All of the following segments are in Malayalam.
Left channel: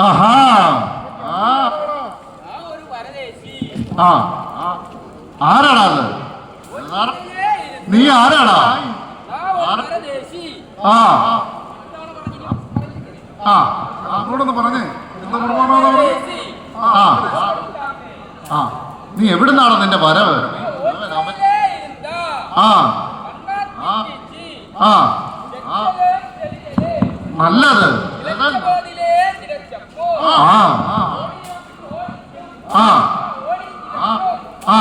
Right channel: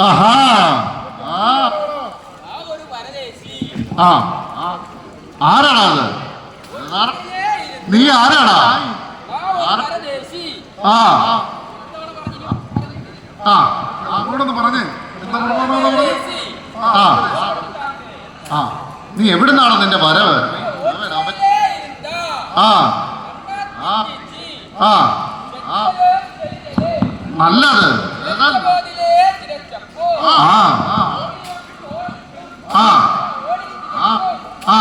ആഹാ. ആ. ആരാടാ അത്? നീ ആരാടാ? ആ ആ. ആ. നീ എവിടുന്നാണ് നിന്റെ വരവ്? ആ. ആ. നല്ലത്. ആ ആ ആ ആ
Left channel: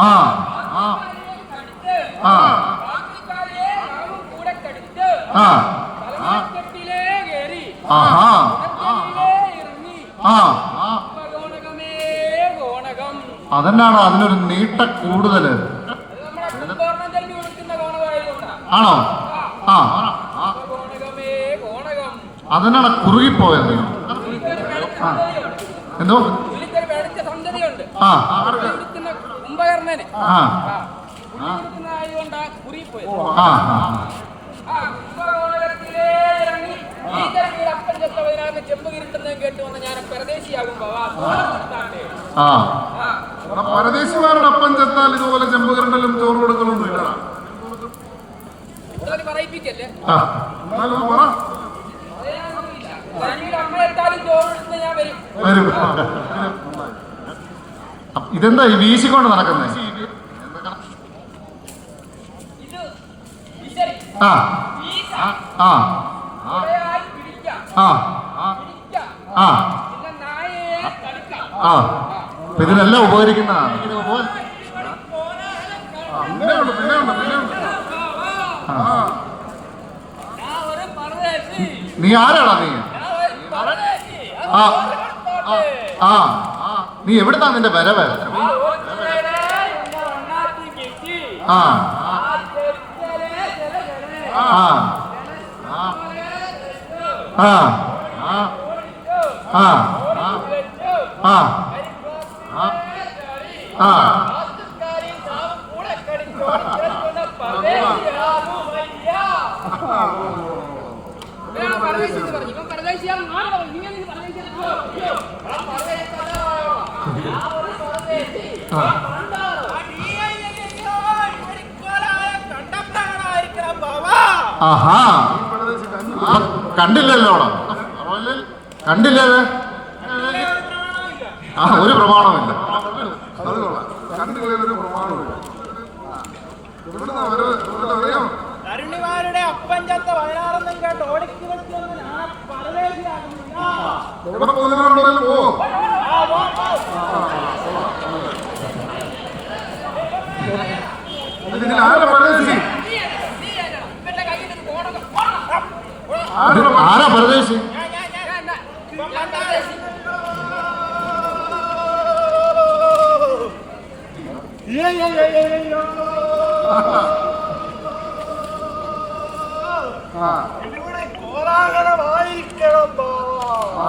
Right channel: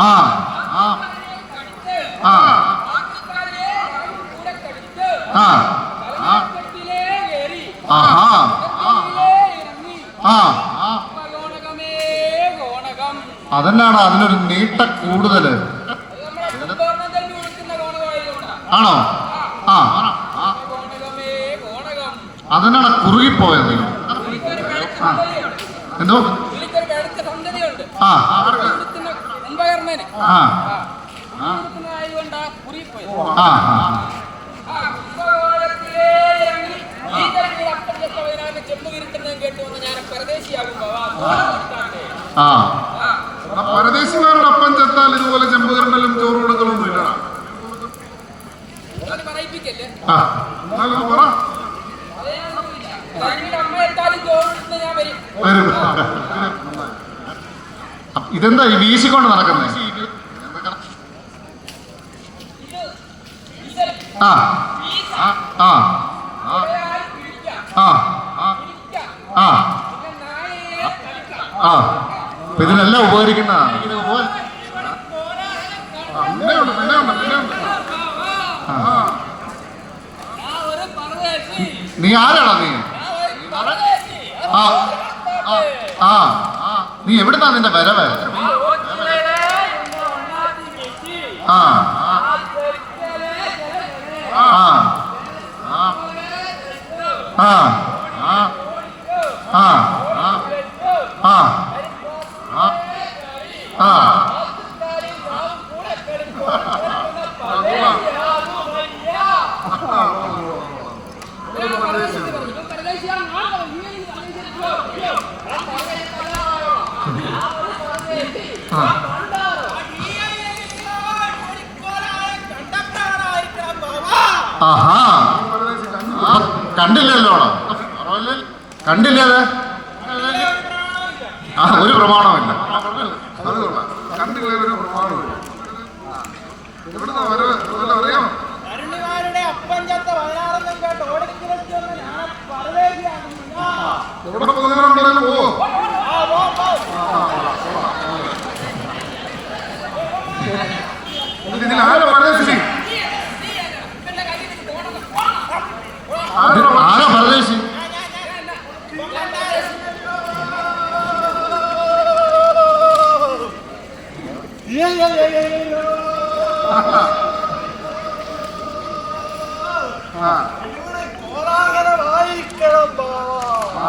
ആ ആ ആഹാ ആ അതിനൊരു നീട്ട കൂടുതൽ ആണോ? ആ. അതിനാണ് കുറുകിപ്പോയത് നിങ്ങൾ. ആ. എന്തോ? ആ. ആ. ആ. ആ പരദേശിമാരുടെ അപ്പം ചെത്താൽ ഇതുപോലെ ചെമ്പുകരണ്ടലും ചോറ് കൊടുക്കലൊന്നും ഇല്ലടാ. ആ. ഞാൻ വരും ഇതെന്താ ഈ വീശിക്കൊണ്ട് നടക്കുന്നത് ആ ആ ആ ആ ആ ഇതിനെല്ലാം ഉപകരിക്കുന്ന നീ ആരാടാ നീ ആ ആ നീ എവിടുന്നാ നിന്റെ വരവ് ആ ആ ആ ആ ആ ആ ആ ആഹാ. കണ്ടില്ലല്ലോ കണ്ടില്ലേ ആ ഒരു പ്രമാണമില്ല അത് കൊള്ളാം കണ്ടില്ല അപ്പൻ കേട്ട് ആരെ പരദേശിക്കും? ബാവാ.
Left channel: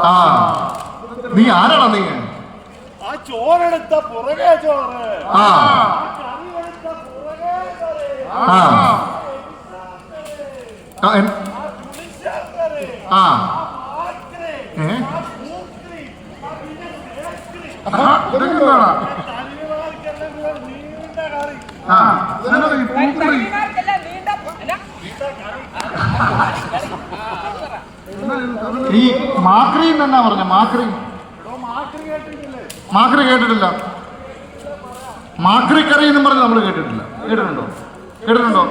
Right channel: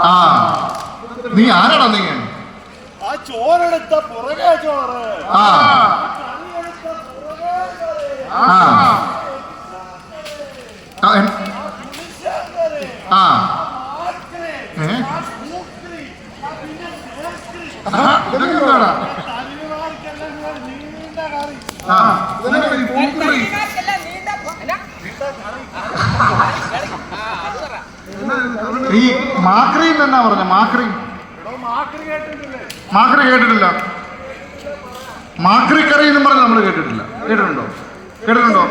ആ. നീ ആരാടാ നീ? ആ ചോറെടുത്ത പുറകെ ചോറ്. ആ. കറിയെടുത്ത പുറകെ കറി. ആ. ആ. ഏ? ഇതൊക്കെ എന്താടാ ആ നിങ്ങളുടെ ഈ പൂക്കുറി? ഈ മാക്രി എന്നാ പറഞ്ഞ? മാക്രി. മാക്രി കേട്ടിട്ടില്ല. മാക്രി കറി എന്നും പറഞ്ഞ് നമ്മൾ കേട്ടിട്ടില്ല. കേട്ടിട്ടുണ്ടോ? കേട്ടിട്ടുണ്ടോ?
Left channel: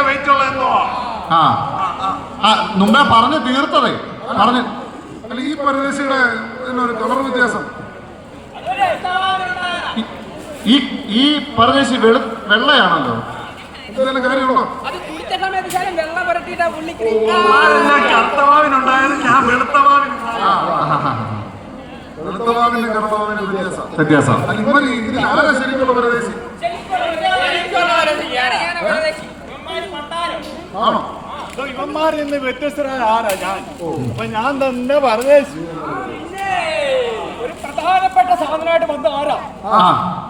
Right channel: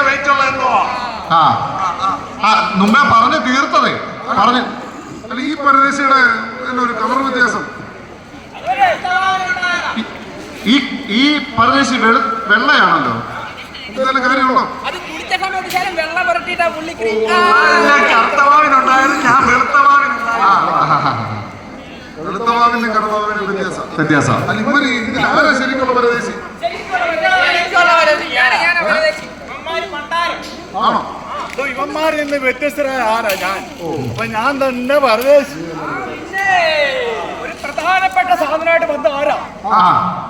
വെയിറ്റ് ഉള്ള എന്തോ? ആ ആ മുമ്പേ പറഞ്ഞ് തീർത്തതേ. പറഞ്ഞ്. അല്ല ഈ പരദേശിയുടെ എന്നൊരു ഒരു കളർ വ്യത്യാസം ഈ ഈ പരദേശി വെളു വെള്ളയാണല്ലോ. എന്തെങ്കിലും കാര്യമുണ്ടോ? വ്യത്യാസം. വ്യത്യാസം. അല്ല ഇവർ ഇതിൽ ആരാ ശരിക്കുള്ള പരദേശി? ആണോ? ഇവന്മാരിൽ നിന്ന് വ്യത്യസ്തരായ ആരാ ഞാൻ? അപ്പൊ ഞാൻ തന്നെ പരദേശി. പ്രധാനപ്പെട്ട സാധനമായിട്ട് വന്ന ആരാ?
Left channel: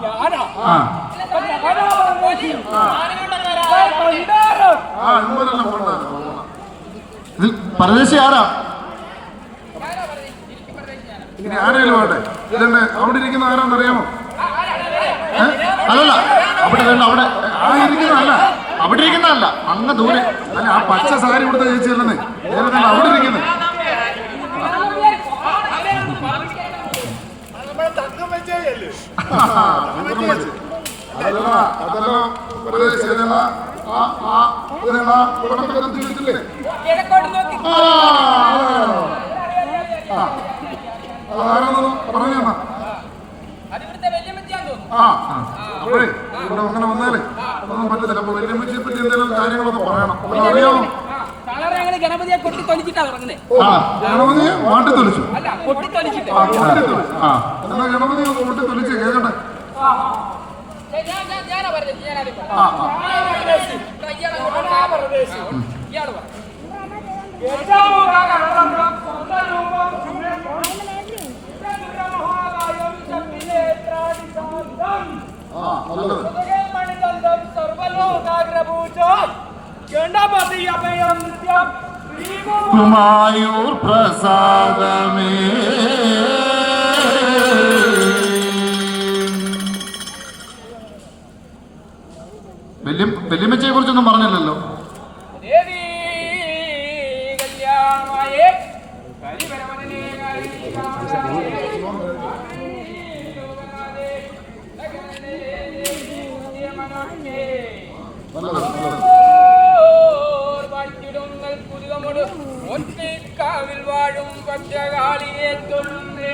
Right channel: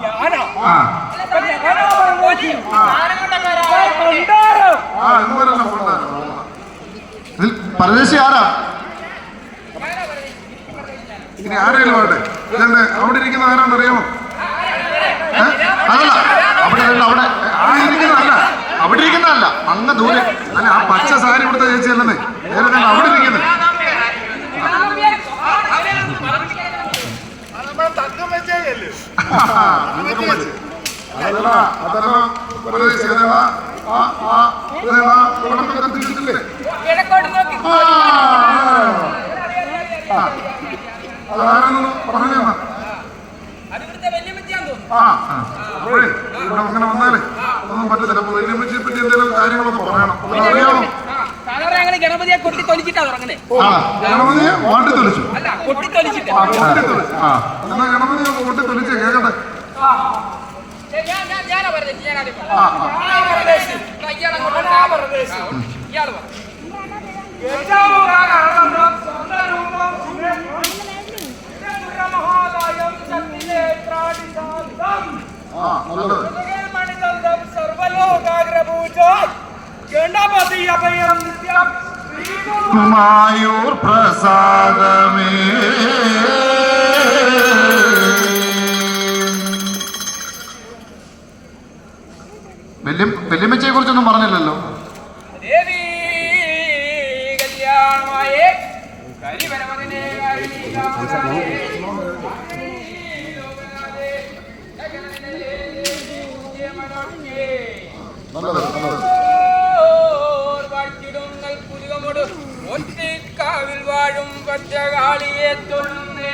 ഞാനാ. ഞാനാ പരദേശി. ആരാ? ഇനി ആരെങ്കിലും ആട്ടെ ഇതെന്നെ അവിടെ ഇരിക്കുന്ന ആരാണെന്ന് അറിയാമോ? അതല്ല. അവിടെ അവിടെ അവിടെ ഇരിക്കുന്നതല്ല അവിടെ ഇരിക്കുന്നതല്ല അങ്ങ് ദൂരെ. അല്ല ആ പച്ച സാരി ഇവിടുത്തെ ചേച്ചി അല്ലെന്നേ. അവിടെ ഇരിക്കുന്നത് നമ്മളെ തക്കം വെച്ചേയല്ലേ അതല്ല അതല്ല പരദേശി അതല്ല ആ ആ അതല്ല പടത്തിൽ കത്തിച്ചിട്ടില്ലേ കിഴക്കോട്ട് നോക്കി ആ, ആ. അതാരാണെന്ന് പറഞ്ഞു ആ അപ്പോഴേ ഇവിടെ അങ്ങനെ വന്നാലേ ഒന്നും പറ്റത്തില്ല. അപ്പൊ വെല്ലുമ്മച്ചിയെ പറ്റി എന്തെങ്കിലും കാര്യങ്ങളൊക്കെ പറയണം. അറിയാമോ സാധാരണ ഗണപതിയെ കൊട്ടി തൊലിച്ചിട്ടാ തുടങ്ങുന്നത് ആ ഗണപതിയെ വാട്ടി തൊലിച്ചു. അല്ല കൊട്ടി തൊലിച്ചിട്ട്. ആ എന്നാ ഗണപതി കൊട്ടി തൊലിച്ച് ഞാൻ ഞാനാ പറഞ്ഞത് ഞാനാദ്യം. ഇയാൾ പറ. ആ നല്ലത്. ഗണപതി അഭയം നിത്യം കുമായൂർ പ്രസാദമേ. വല്യ വല്യമ്മച്ചയെ കുറിച്ചൊന്നും പറഞ്ഞില്ലല്ലോ. കല്യാണമായേ. உச்சகாலியே தொழுமே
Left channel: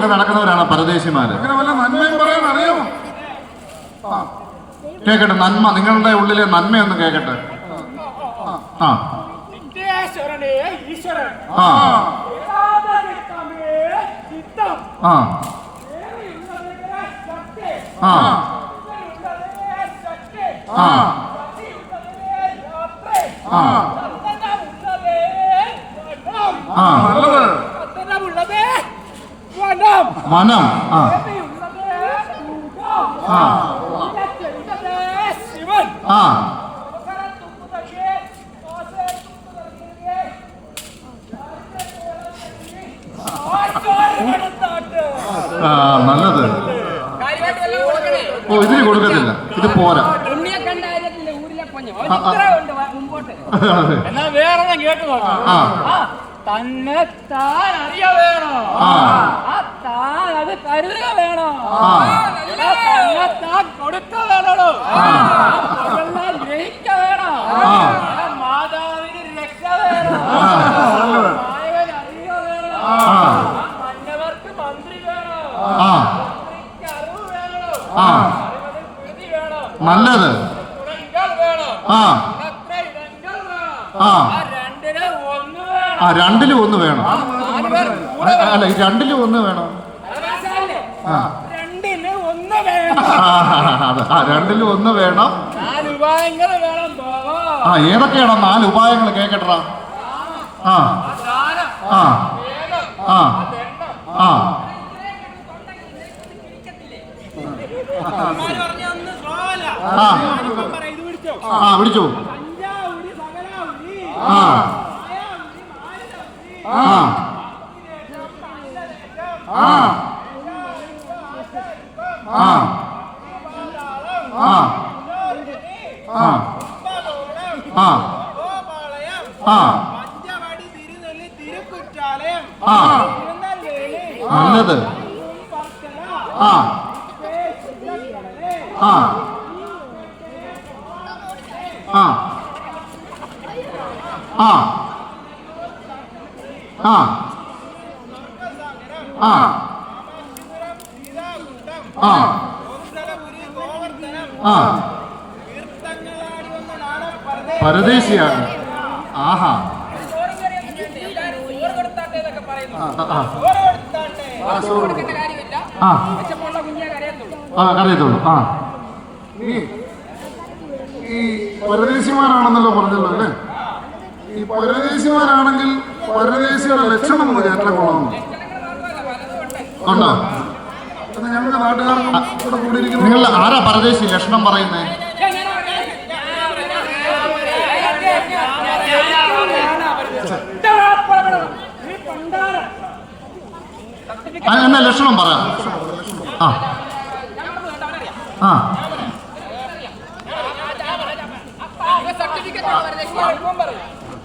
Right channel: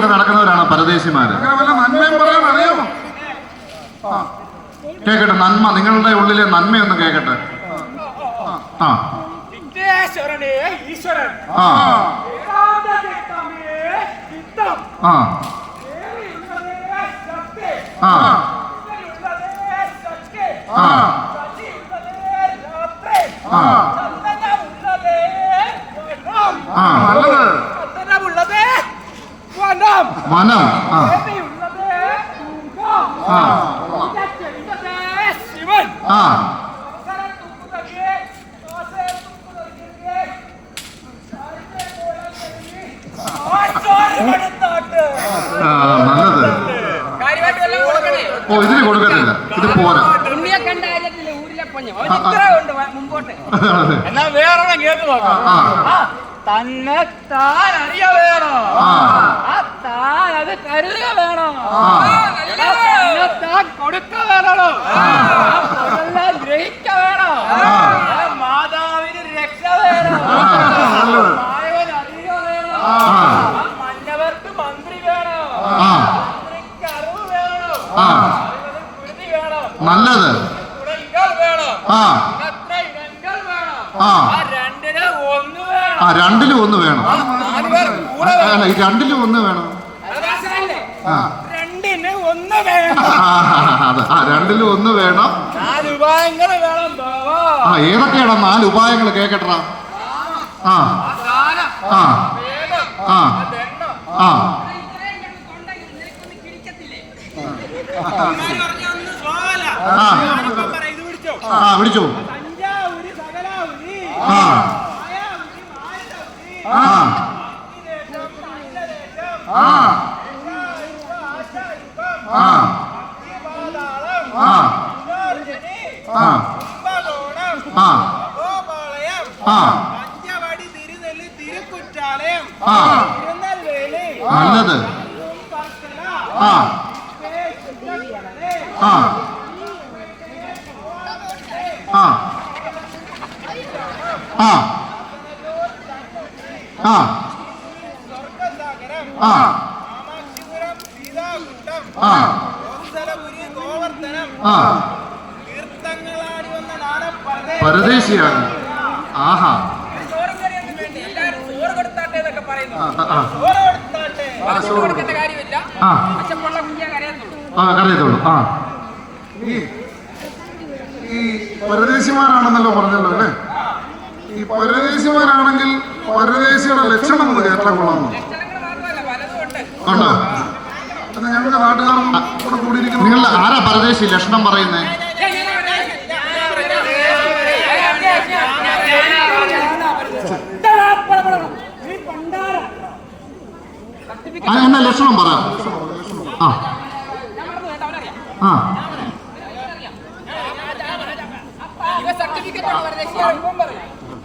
ഒക്കെ നടക്കുന്നവരാണ് പരദേശിമാര്. അങ്ങനെ വല്ല നന്മയും പറയാൻ അറിയാമോ? ആ. കേക്കട്ടെ നന്മ. നിങ്ങളുടെ ഉള്ളിലെ നന്മയൊന്ന് കേക്കട്ടെ. ആ. ആ. ആ. ആ. ആ. ആ. ആ. വനം മനം ആ. ആ. ശിവൻ. ആ. നല്ലത്. ഓ ഇതിന് കൊടുക്കത്തില്ല. ഇത് പോരാ. എന്നാ വേറെ കേട്ടു നോക്കാം. തന്നെ താൻ അറിയ വേണം അത് കരുതുക വേണം? കൊടുക്ക വേണോ ഗ്രഹിക്ക വേണം? മാതാവിന് രക്ഷ വേണം. മായവൻ അറിയ വേണം? മന്നവർക്ക് മന്ത്രി വേണം? മന്ത്രിക്ക് അറിവ് വേണം? അറിവതിൽ വേണം? നല്ലത്. വേണം? അത്ര ഇടങ്ങൾ വേണം? രണ്ടിന് ഒന്ന് വേണം. ആ രണ്ടിലും ഒന്ന് വേണം. രണ്ടിലും ഒന്ന് വേണം അവകാശമല്ലേ ആ രണ്ടിന് ഒന്ന് വേണം ആ, രണ്ടിലും ഒന്ന് വേണം. ആ ഏതൊക്കെയാണ് നാല് ഉപായങ്ങൾ കേക്കട്ടാ ആ ആ ആ ആ. ആ. വിളിച്ചു ആ. ആ. ആ. ആ. ആ ആ ആ ആ ആ നല്ലത് ആ ആ ആ ആ ആ ആ ആ ഓംസലപുരി ഗോവർദ്ധനം ആ തീർത്ഥങ്ങളാടി വന്ന നാടൻ പരദേശി പരദേശിയാണ് ആഹാ ചോറും കറിയൊന്നും വേണ്ട എല്ലാവരും ചോറ് ആഹാ. ആ, ആ, ആ. ഓരോ എടുത്താട്ടെ വാങ്ങിച്ചു കൊടുക്കേണ്ട കാര്യമില്ല ആ കരയത്തുള്ളൂ ആ. ഈ ഈ പരദേശിമാരാണെന്നല്ലോ പറഞ്ഞല്ലോ അല്ലേ? ഈ പരദേശിമാരാണെങ്കിൽ പരദേശിയുടെ ലക്ഷണം ഒന്ന് കേട്ടാൽ കൊള്ളാമെന്ന് ഉണ്ട് ഉണ്ടോ എന്നാ ഞങ്ങൾക്ക് നാട്ടുകാർക്കും ഇവിടെ കൂടിയിരിക്കുന്നു നിങ്ങൾ ആരാ പരദേശി ലക്ഷണം പറയുന്നേ? എന്നാ ലക്ഷണം പറ. ആ. ആ.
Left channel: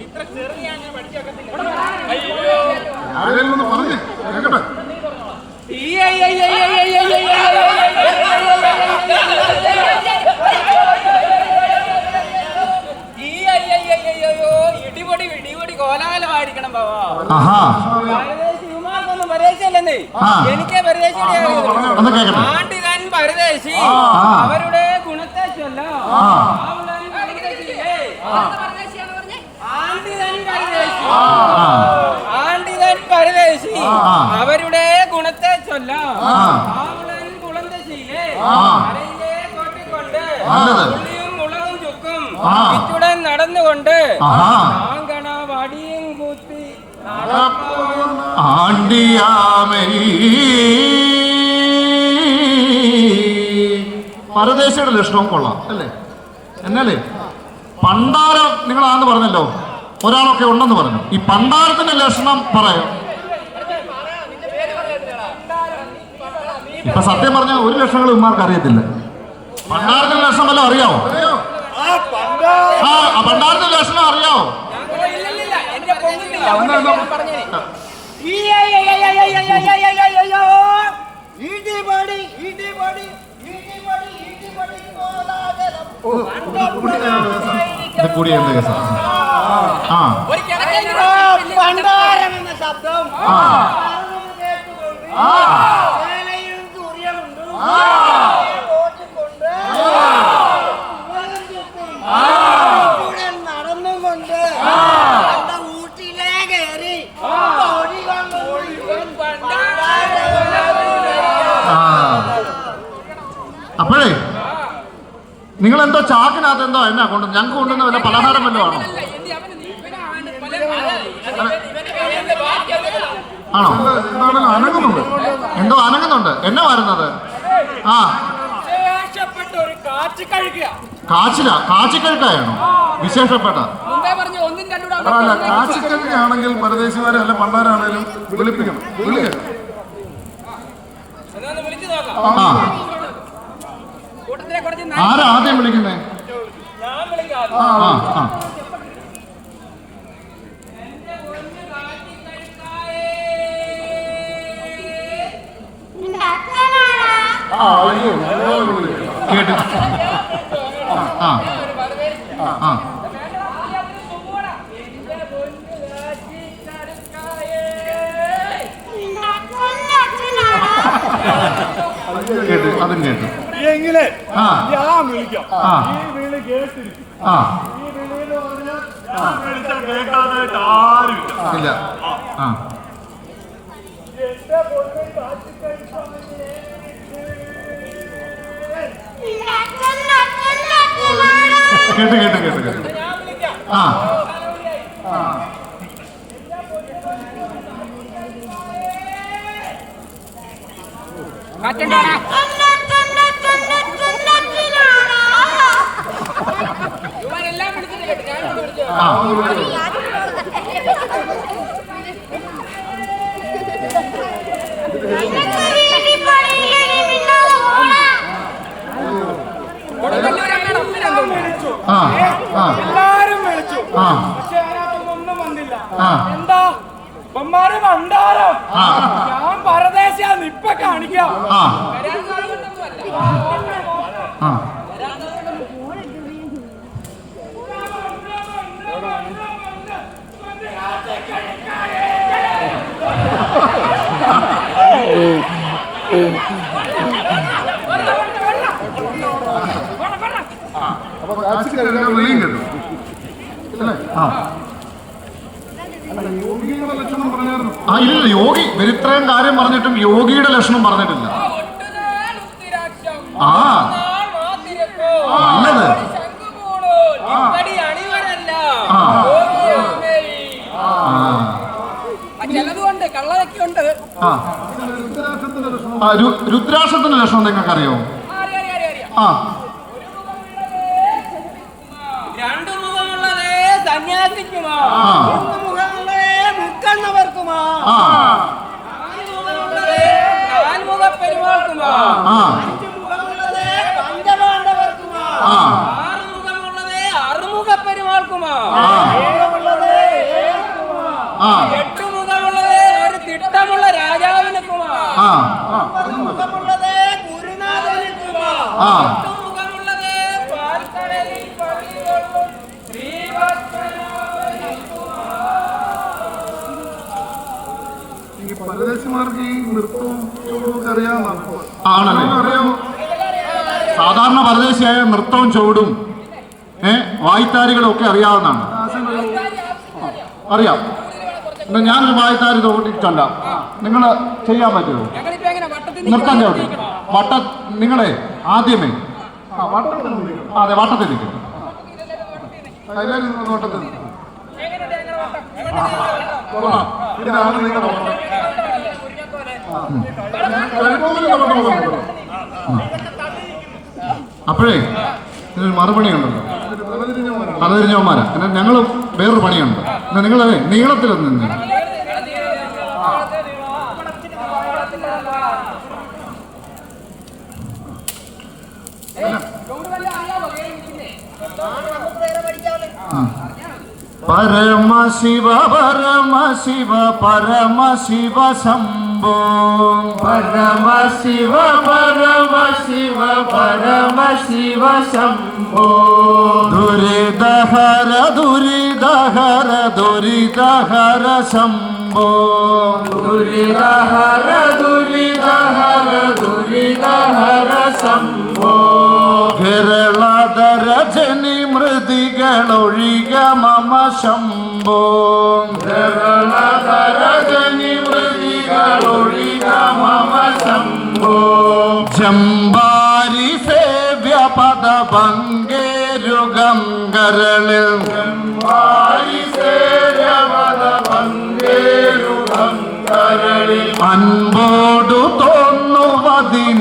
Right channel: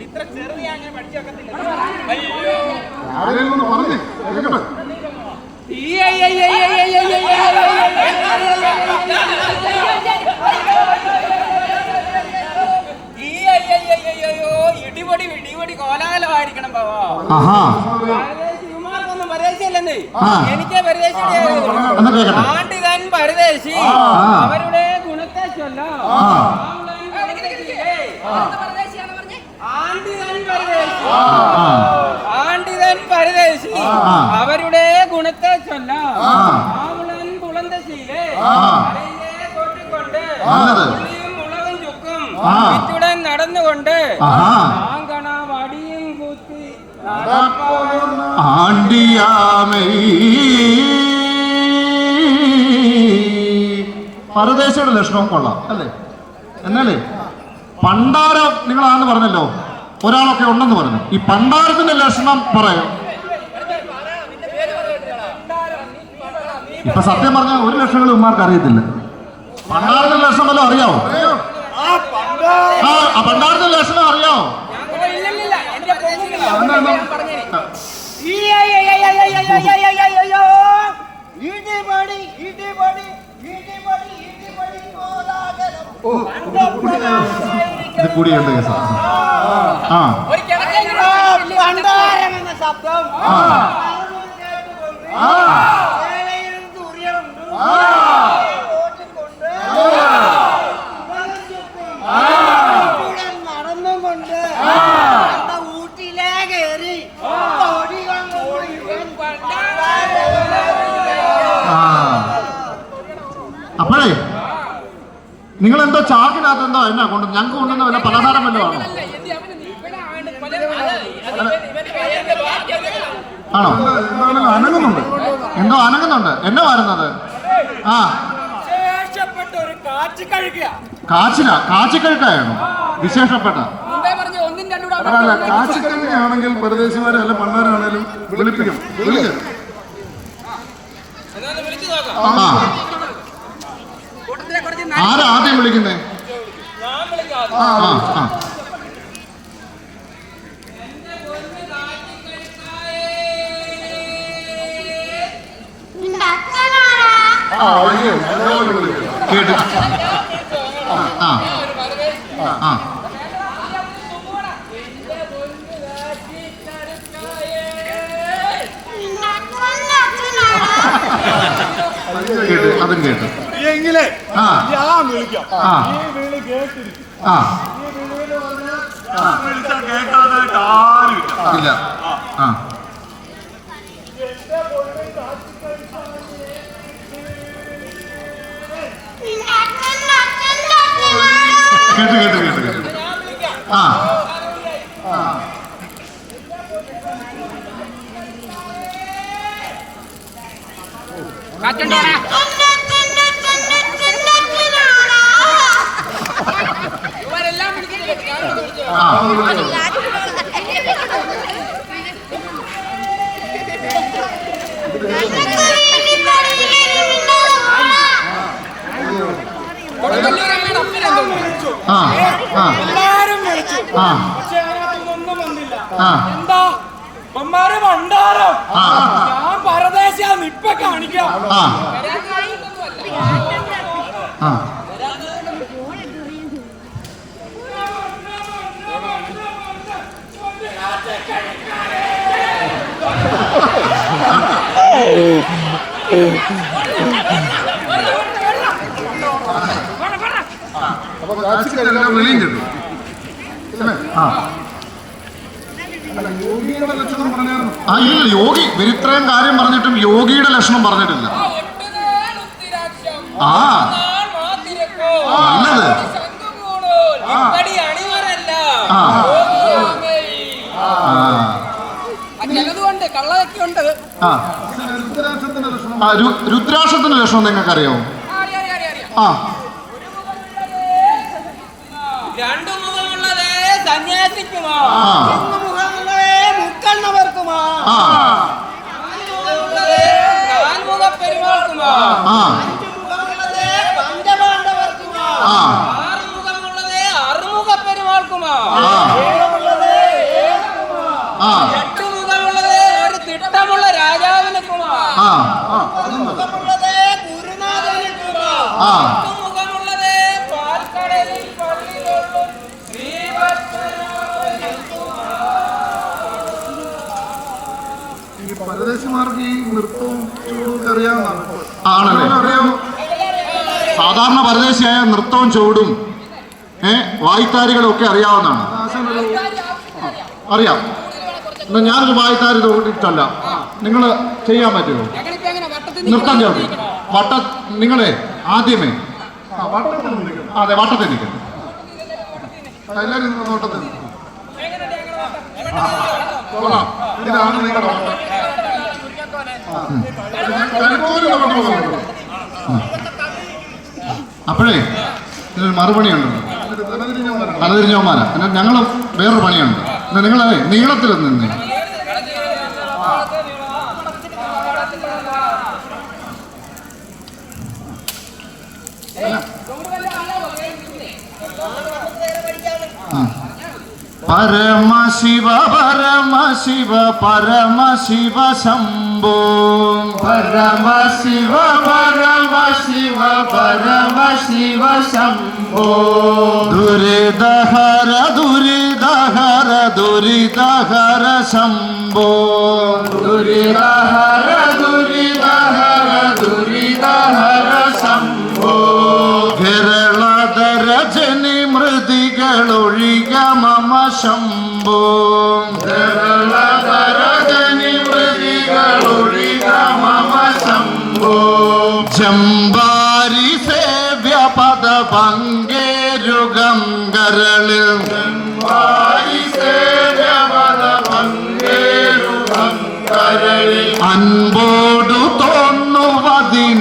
ഇത്ര ചെറിയ അങ്ങനെ പഠിച്ചു വെക്കത്തില്ല ഇടിപൊടി ഇടിപൊടി കോലാഹലമായിരിക്കണം ബാബാ പരദേശി ഇവന്മാർക്കൊന്നും പരദേശിയല്ലെന്നേ. എനിക്കേ കേക്കട്ടെ. ആണ്ടിതാൻ പരദേശി. അവരുടെ ഗുണത്തെ ചൊല്ലാം. ആണ്ടിതാൻ പരദേശി. അവരുടെ ഗുണത്തെ ചൊല്ലാം. മുളകും ചുക്കും നടന്നുകൊണ്ട് വടിയും കുത്തി ആണ്ടിയാമൈ പരദേശിയുടെ ലക്ഷണവും കൊള്ളാം അല്ലേ? എന്നാലേ പണ്ടാരം നിങ്ങളാന്ന് പറഞ്ഞല്ലോ ഒരാളൊക്കെ ഉണ്ടെന്ന് പറഞ്ഞു. ഈ പണ്ടാരത്തിന്റെ ലക്ഷണം പറയോ? ഇപ്പൊ സത്യം പറഞ്ഞാൽ ഒരു ലക്ഷങ്ങൾ ഉമ്മാർക്ക് അറിയത്തില്ല. പണ്ടാറിന്റെ ലക്ഷം വല്ലതും അറിയാവോ? ആ പണ്ടാരത്തിന്റെ ലക്ഷണം അറിയാവോ? പറഞ്ഞേ കൂടിയുണ്ട് കേസാ ആ. പണ്ടാരം എന്ന ശബ്ദം ആ. ഓട്ടിക്കൊണ്ട് ഉലകം ചുറ്റും ഉടൻ നടന്നുകൊണ്ട് നമ്മുടെ ഊട്ടിലേ കയറി ഓടികം ഓടികം ആ. അപ്പോഴേ നിങ്ങൾ എന്തോ ചാക്കിനകത്ത് എന്തോ എന്നാ കൊണ്ട് ഞങ്ങൾക്ക് കൊണ്ടുവന്ന വല്ല പലഹാരം വല്ലതും ആണോ? ആണോ? എന്താണെങ്കിലും അനങ്ങുന്നുണ്ട്? എന്തോ അനങ്ങുന്നുണ്ട്. എന്നാ വരുന്നത്? ആ. കാച്ചില കാച്ചിക്കഴുക്കായാണോ വിശേഷപ്പെട്ട. അതല്ല കാശിക്കഴിഞ്ഞാണെങ്കിൽ പരദേശിമാരെ അല്ല പണ്ടാരാണെങ്കിലും വിളിപ്പിക്കണം. വിളിക്കണം ആ. ആരാ ആദ്യം വിളിക്കുന്നേ? ആ ആ. കേട്ടു ആ. ആ കേട്ടു അതും കേട്ടു എങ്കിലേ ആ ഞാൻ വിളിക്കാം. ആ. ഈ വിളി കേട്ടിരിക്കും. ഈ വിളിയെന്ന് പറഞ്ഞാൽ ഞാൻ വിളിച്ചാൽ കേൾക്കാതായിട്ട് ആരും ഇല്ല. ആ. എന്റെ പൊണ്ണ് കാച്ചിക്കഴിച്ചാണെങ്കിൽ കേട്ടു കേട്ടു കേട്ടു കേട്ടു. ഞാൻ വിളിക്കാം ആ. ആ എല്ലാരും വിളിച്ചു പക്ഷെ അതിനകത്തൊന്നും വന്നില്ല. എന്താ? ഇവന്മാര് ഭണ്ഡാരം. ഞാൻ പരദേശിയാന്ന് ഇപ്പൊ കാണിക്കാം. വെളിയും കിട്ടും അല്ലേ? ആ. ആ ഇല്ല യോഗി ഇത്രയും കാര്യം പറഞ്ഞിട്ടും യോഗിയുടെ ലക്ഷണം പറഞ്ഞിട്ടില്ല. ആ നല്ലത്. രുദ്രാക്ഷത്തിന്റെ ലക്ഷണം നിങ്ങൾക്കറിയോ ആ. സന്യാസിക്കുമോ ആ മൂന്ന് മുഖങ്ങളെ മുക്കണ്ണവർക്കുമാ ആ മുഖമുള്ളത് നാൽമുഖ പെരുമാൾക്കുമോ ആ അഞ്ച് മുഖമുള്ളത് പഞ്ചപാണ്ഡവർക്കുമാ ആ ആറ് മുഖമുള്ളത് അറുമുഖ പെരുമാൾക്കുമോ ആ ഏഴുമുള്ളത് ഏഴുക്കുമാ ആ എട്ട് മുഖമുള്ളത് ഒരു തിട്ടമുള്ള രാജാവിനുക്കുമോ ആണല്ലേ? സാധാരണ പരദേശിയായ നൃത്തവും ചുവടും ഏ വായ്ത്താരികളും ഒക്കെ അറിയാവുന്നതാണ്. അറിയാം. ഞാൻ വായ്ത്താരി തോട്ടിട്ടല്ല നിങ്ങൾ ചെയ്യാൻ പറ്റുമോ? നൃത്തം ചവിട്ടി വട്ട നിങ്ങളെ ആദ്യമേ. അതെ വട്ടത്തിൽ നിൽക്കും നോട്ടത്തിൽ ഇതാണ് നിങ്ങളുടെ വട്ടം കരുത്തൂരിന്റെ വട്ടം പോലെ ഉണ്ടോ? അപ്പോഴേ ഇതിനൊരു മറുപണിയുണ്ടല്ലോ തലതിരിഞ്ഞവന്മാരാ. എന്നാൽ ഞങ്ങൾ വേറൊരു പണിയുണ്ട്. എന്നാൽ നിങ്ങൾ നീളത്തിൽ നിന്ന്. പരമശിവ പരമ ശിവ ശംഭോ പരമശിവ പരമശിവ പരമശിവ ശംഭോ ദുരിതഹര ദുരിതഹര ദുരിതഹര ശംഭോ ദുരിതഹര ദുരിതഹര ദുരിതഹര ശംഭോ കേരളധര ജനി മൃതികളൊഴിക മമ ശംഭോ കേരളധര ജനി ജംബാരി സേവ്യ പദ പങ്കേരു കരളിൽ ജംബാരി സേവ്യ പദ പങ്കേരുഗം കരളിൽ അൻപോടു തോന്നുവതിനൻപിൽ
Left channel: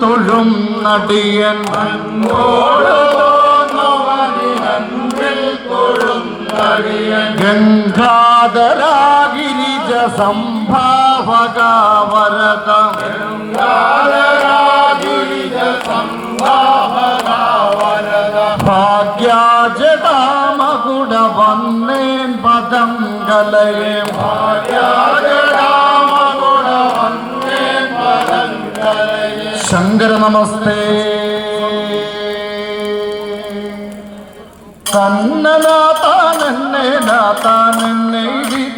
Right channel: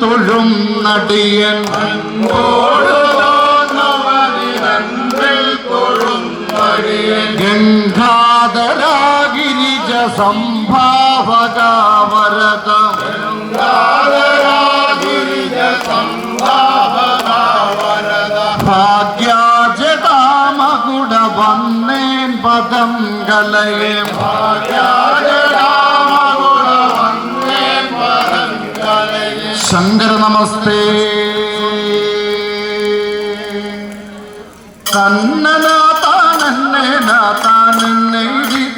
തൊഴും നടിയൻ. അൻപോടു ഗംഗാധരാഗിരിജ സംഭാവക വരദ ഗംഗാധരാഗിരിജ സംഭാവക വരദ ഭാഗ്യാജതാമകുട വന്നേൻ പദം കലയെ ഭാഗ്യാജതാമകുട വന്നേൻ പദം കലയെ ശങ്കര നമസ്തേ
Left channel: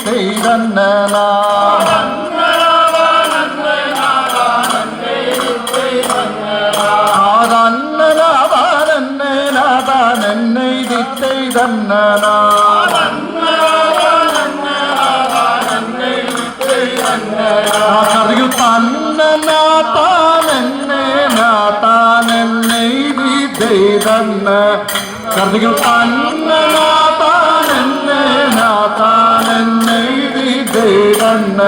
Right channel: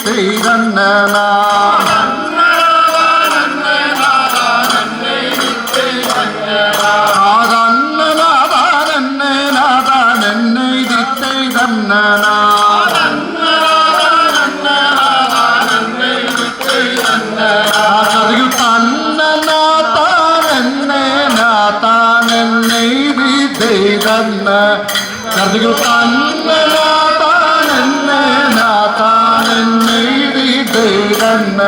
തെയ്തന്നനാ നാഥാനെന്നെ നാഥാനെന്നെ തെയ്തന്നനാ അറിയു തന്നനാഥാനെന്നെ നാഥാനെന്നെ തെയ്തന്ന കർദികൾ തെയ്തന്ന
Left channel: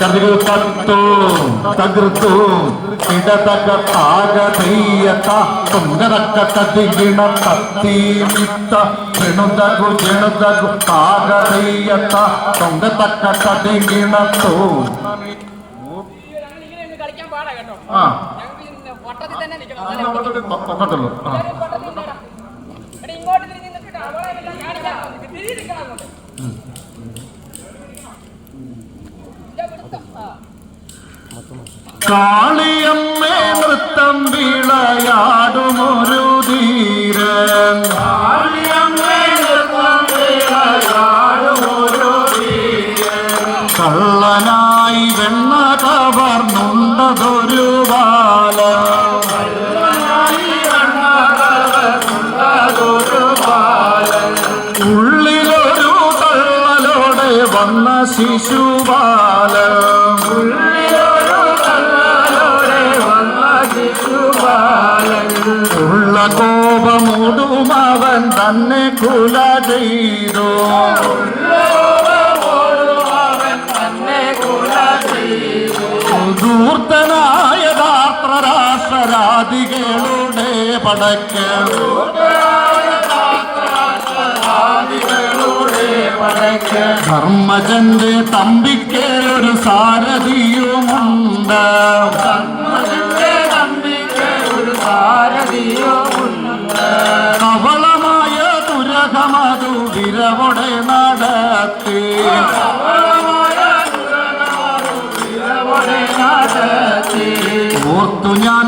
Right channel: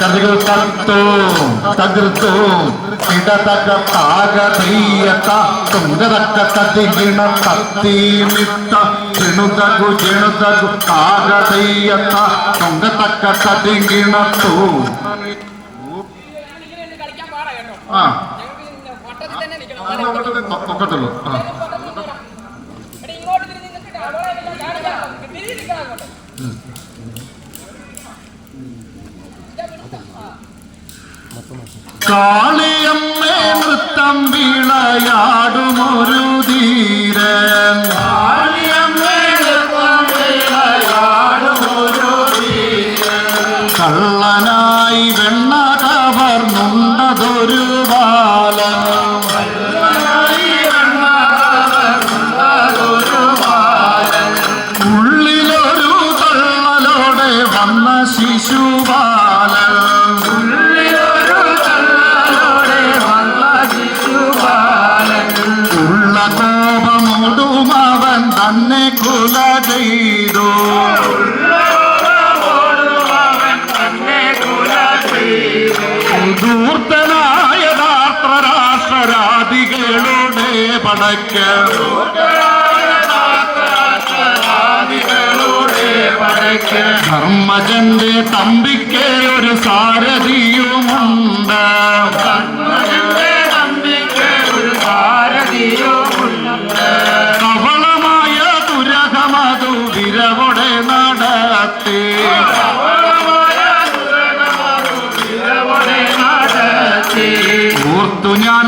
കർദികൾ കത്തോ തകർത്തു ഇടതക താകതീയത തുങ്കതക്ക തതിഗിണ തത്തീമിത്ത താകതീയത തുങ്കതക്ക തതിഗിണത്തോ കളിക്കാൻ പാടാ കേട്ടോ ആ. വട്ടത്തിൽ തന്നെ നിൽക്കണം കാളിയമ്മേ നൃത്തം വിളയാടുമൊരു ധീരൻ. കള്ളനായി വെണ്ണ കവർന്നുണ്ടതൊരു ബാലൻ. വന്ന ശിശുബാലൻ ഉള്ള കോപമൂടും അവൻ തന്നെ കുല ചെയ്തു. ദൂർത്തനായ രാഷ്ട്രരാധികളുടെ പടക്ക്. ധർമ്മജന്റെ തമ്പിക്ക് ഒരു സാരഥിയുമുണ്ട്. കവളമായ തുരകമതു വിരവോടെ നടത്തി. ഓർത്തു ഞാൻ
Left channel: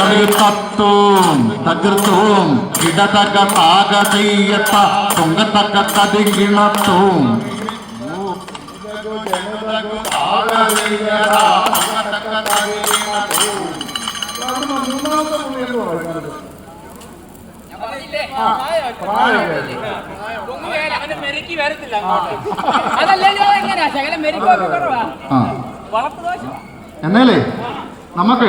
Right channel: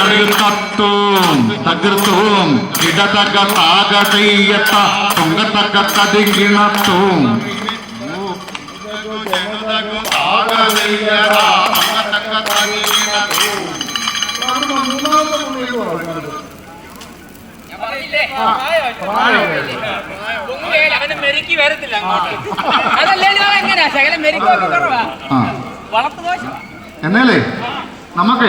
കടയിൽ തത്തും തകർത്തും ഇടതക താകടീയത്ത പൊങ്കത്തക്ക തതികിണത്തും അങ്ങനെ മെരുക്കി അങ്ങോട്ട് എങ്ങനെയാ കുറവാ. നമുക്ക്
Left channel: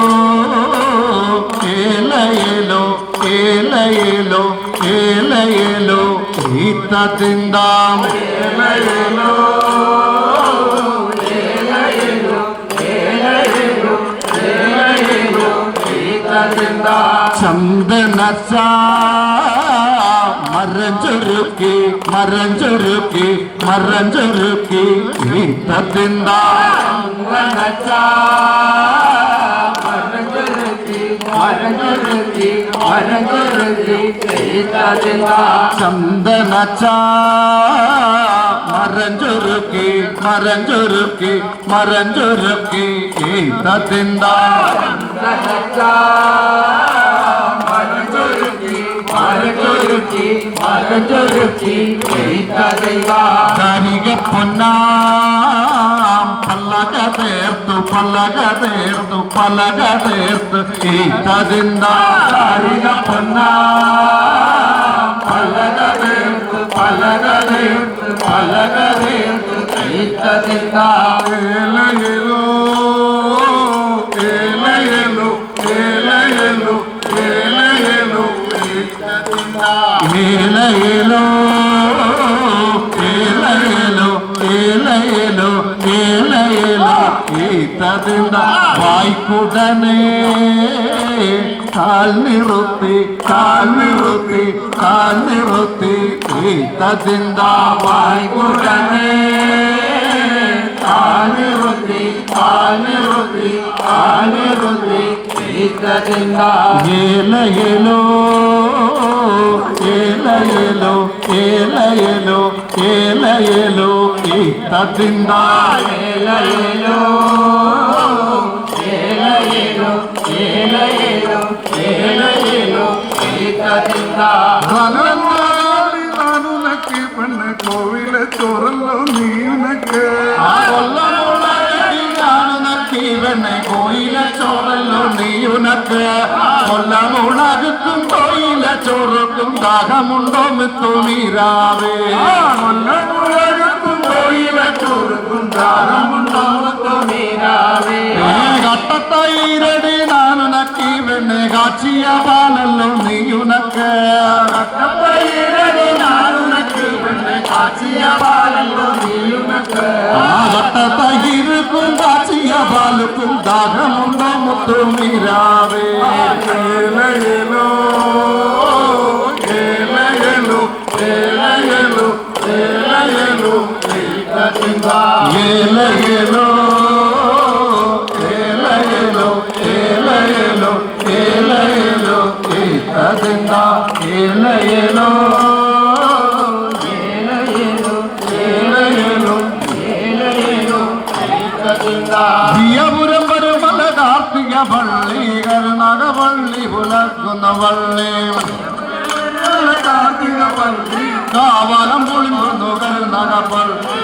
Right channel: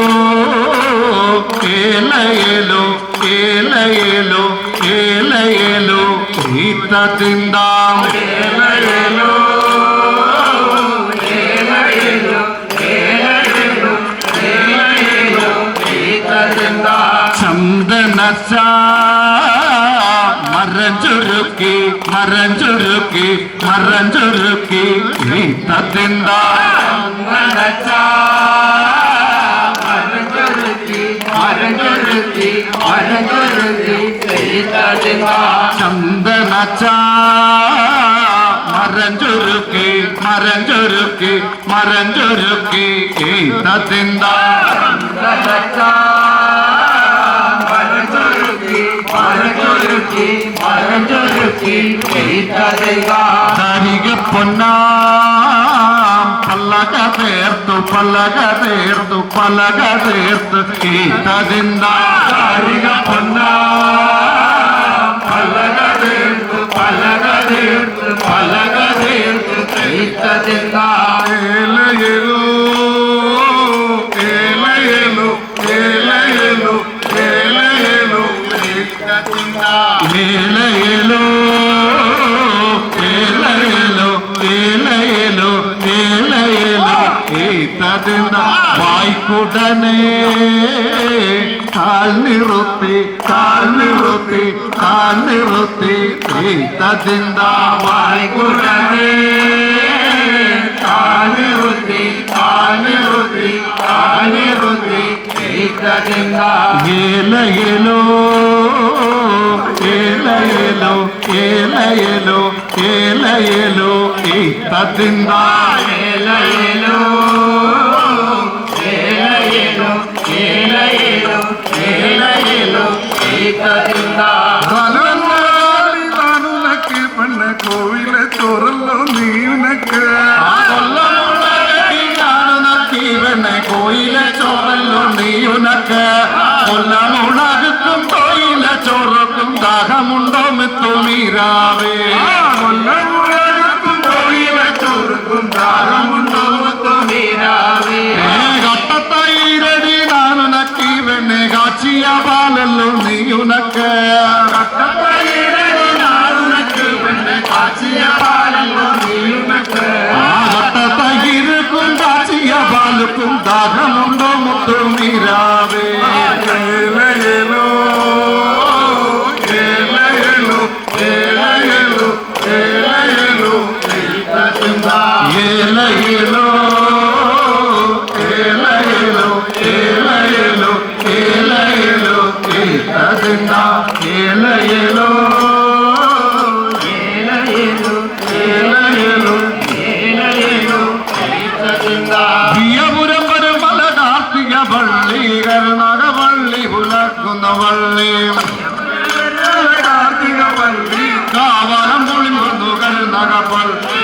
ఏలయేలో ఏలయేలో ఈత తిందాం. చందన మరంజురుకి మరంజురుకి మరంజురుకి ఈత తిందా. మరంజురుకి మరంజురుకి ചന്ദനച്ചാ മറഞ്ചുരുക്കി മറഞ്ചുരുക്കി മറഞ്ചുരുക്കി ഈത്തത്തിന്ത പൊന്നാ పలక తీర్తు పలక తీర్తు పలక తీర్తు ఈతదింద సారిగ పొన్న. పలక తీర్తు పలక తీర్తు పలక తీర్తు ఈతదింద ఏల. உடனே கால் நிறுத்தி கால் நிறுத்தி கால் நிறுத்தி ததிந்தாவாய் உடனே கால் நிறுத்தி கால் நிறுத்தி கால் நிறுத்தி ஏலையலோ ஏலையலோ ஏலையலோ ஏலையலோ ததிந்தா ஏலைய ചോറക്കും ദാഹമുണ്ടോ മിത്തുമീരാവേ ചോറക്കും ദാഹമുണ്ടോ മിത്തുമീരാവേ കട്ടത്തൈരടി നാനുനക്കി വെണ്ണെ കാച്ചിയ പാലല്ലോ നീയുനക്ക് കട്ടത്തൈരടി നാനുനക്കി വെണ്ണെ കാച്ചിയ പാലല്ലോ നീയുനക്ക് കട്ടത്തൈരുക്കും കാച്ചിയ പാലുക്കും ദാഹമുണ്ടോ മുത്തുമീരാവേ ഏലോ ഏലയലോ ഏലയലോ ഏലയലോ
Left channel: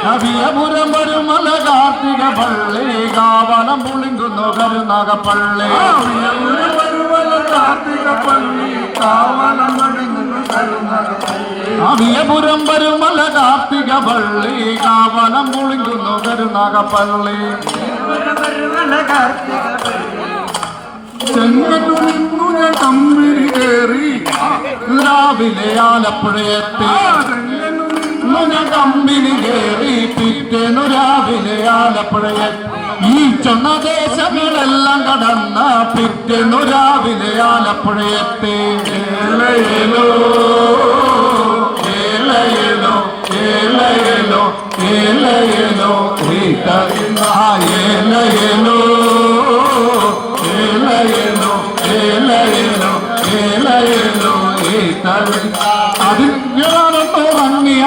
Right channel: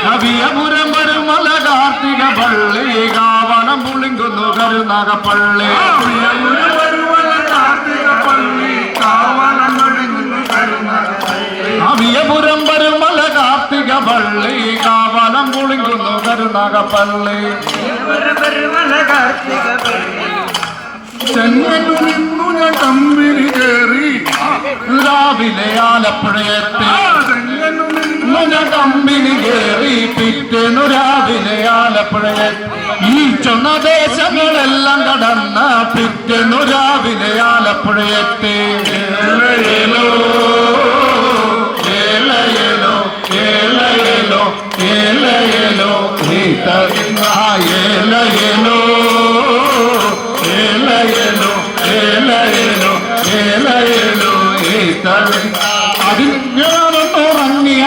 നവിയപുരം വരുമല കാർത്തിക പള്ളി. കാവലം പുളിങ്ങുന്നു കരുണകപ്പള്ളി കാർത്തിക പള്ളി. കാവലം പുളിങ്ങുന്നു കവിയപുരം വരുമല കാർത്തിക പള്ളി. കാവലം പള്ളി. കരുണകപ്പള്ളി നിന്നു ഞാൻ കമ്പിനി കയറി. രാവിലെ ആലപ്പുഴയെത്തി. ചെങ്ങന്നൂരിന്നു കമ്പിനി കയറി രാവിലെ ആലപ്പുഴയെത്തി ഈ ചൊന്ന ദേശങ്ങളെല്ലാം കടന്ന പിറ്റേന്നു രാവിലെ ആലപ്പുഴയെത്തി ഏലയേലോ അവിടെ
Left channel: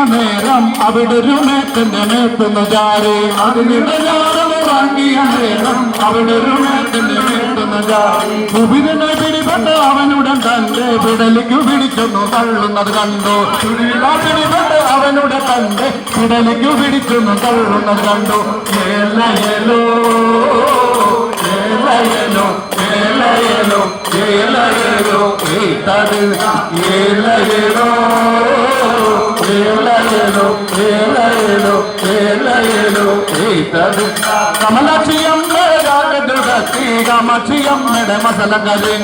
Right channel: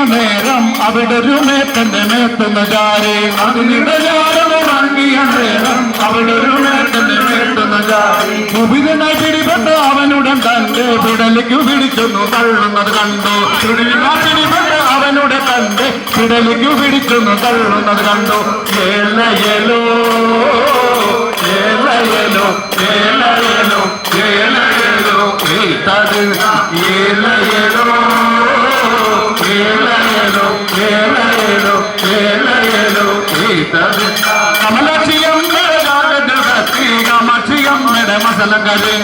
ഒരു മേത്തന്റെ മേത്തുന്ന ജാരി. അതിനിടയാറുറങ്ങിയ നേരം അവിടെ ഒരു മേത്തന്റെ മേത്തുന്ന ജാരി. സുബിരനെ പിടിപെട്ട് അവനുടൻ തന്റെ വിടലിക്കു പിടിച്ചൊന്നു തള്ളുന്നത് കണ്ടു. പിടിപെട്ട് അവനുടെ തന്റെ വിടലിക്കു പിടിച്ചൊന്നു തള്ളുന്നത് കണ്ടു. ഏലയലോ ഏലയലോ ഏലയലോ ഏലയലോ ഏതത് ഏലയലോ மசலங்கரி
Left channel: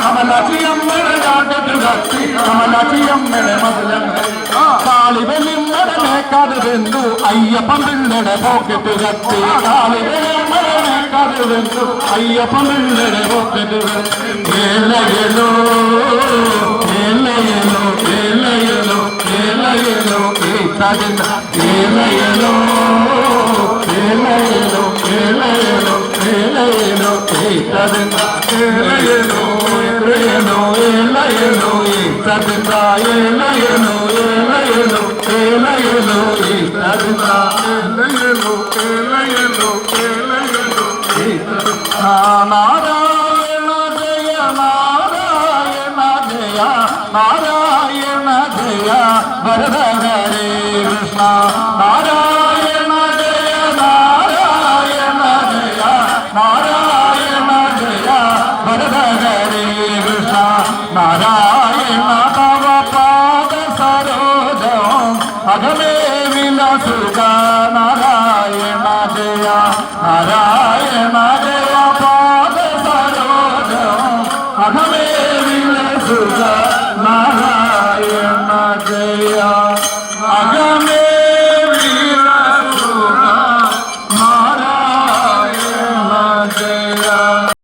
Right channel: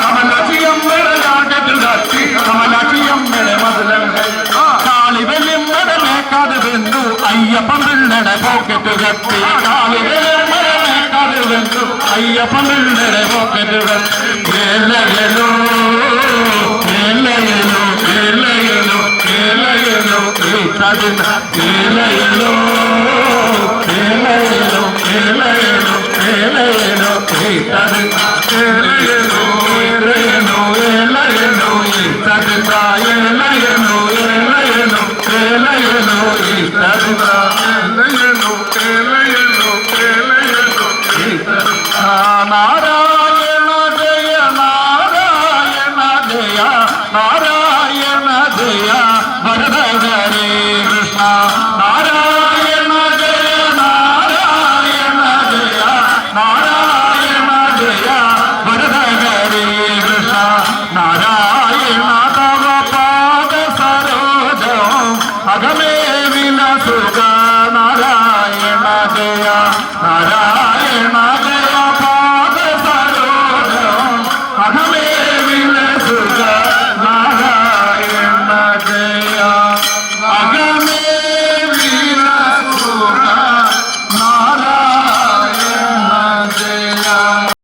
கமலாட்சியம் காட்டுகத்தி கமலாட்சியம் மசலங்கரி காளி வெள்ளிம்படமே கதவெந்து ஐயப்பன் பிள்ளட போக்கிட்டு கத்தி காளி வெள்ளிம்படமே கதவெந்து ஐயப்பன் பிள்ளட போக்கிட்டு கத்தி ഏലയലോ ഏതതിൻ ഏലയലോ ഏലയലോ ഏലയലോ ഏലയലോ ഏതതിൻ ഏലയലോ ഏലയലോ ഏലയലോ ഏതതിൻ ഏലയലോ ഏലയലോ ഏലയലോ ഏതതിൻ ഏലയലോ ഏലയലോ ഏലയലോ നാരായണ ജയ നാരായണ ജയ നാരായണ Not